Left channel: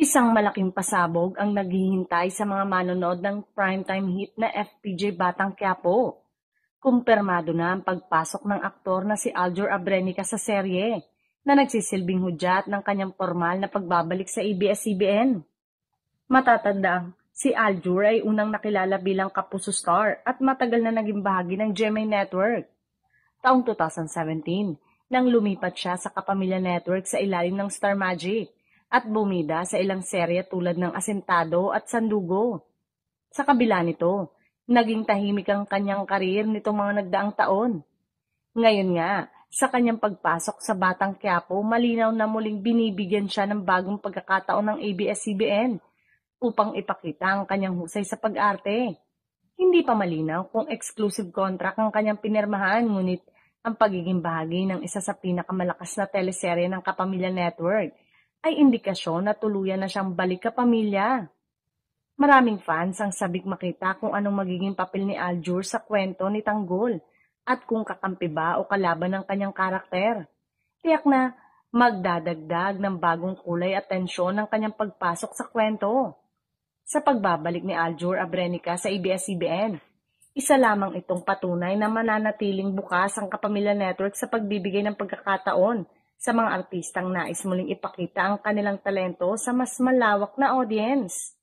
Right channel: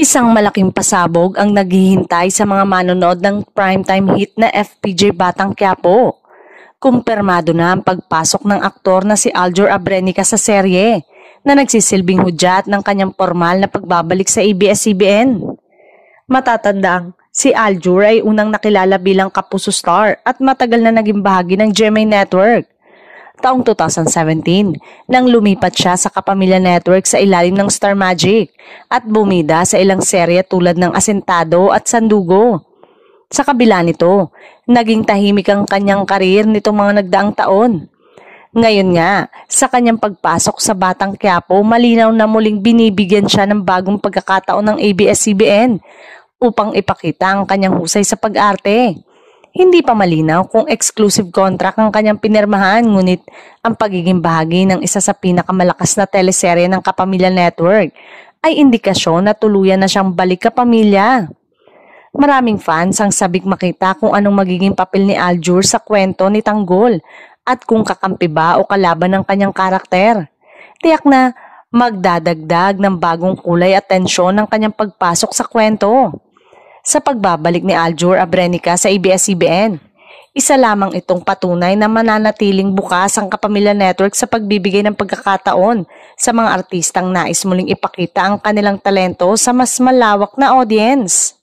Isang malaking pasabog ang naghihintay sa mga manonood ng primetime hit na FPJ Batang Quiapo. Kumpirmado na ang pagpasok ng aktor na si Aljur Abrenica sa serye na nagsisilbing hudyat ng kanyang formal na pagbabalik sa ABS-CBN. Matatandang si Aljur ay unang nakilala bilang kapuso star at matagal na naging bahagi ng GMA Network. Taong 2017 nang lumipat siya sa Kapamilya Network sa ilalim ng Star Magic at bumida sa ilang serye tulad ng Asentado at Sandugo. Sa kabila nito, naging tahimik ang kanyang karir nitong mga nagdaang taon. Ngayon nga, sa kanyang pagpasok sa Batang Quiapo, malinaw na muling binibigyan siya ng bagong pagkakataon ng ABS-CBN upang ipakita ang kanyang husay sa pag-arte. Hindi pa malinaw kung exclusive contract ang kanyang pinirmahan, ngunit ang pagiging bahagi ng isa sa pinakamalakas na teleserye ng Kapamilya Network ay indikasyon na tuluyan na siyang balik kapamilya. Maraming fans ang sabik makita kung anong magiging papel ni Aljur sa kwento ni Tanggol at kung kakampi ba o kalaban ng kanyang karakter. Tiyak na magdadagdag ng bagong kulay at tensyon ng kanyang pagpasok sa kwento. Sa pagbabalik ni Aljur Abrenica sa ABS-CBN, isa lamang itong patunay na mananatiling bukas ang Kapamilya Network sa pagbibigay ng pagkakataon sa mga artistang nais muling ipakita ang kanilang talento sa mas malawak na audience.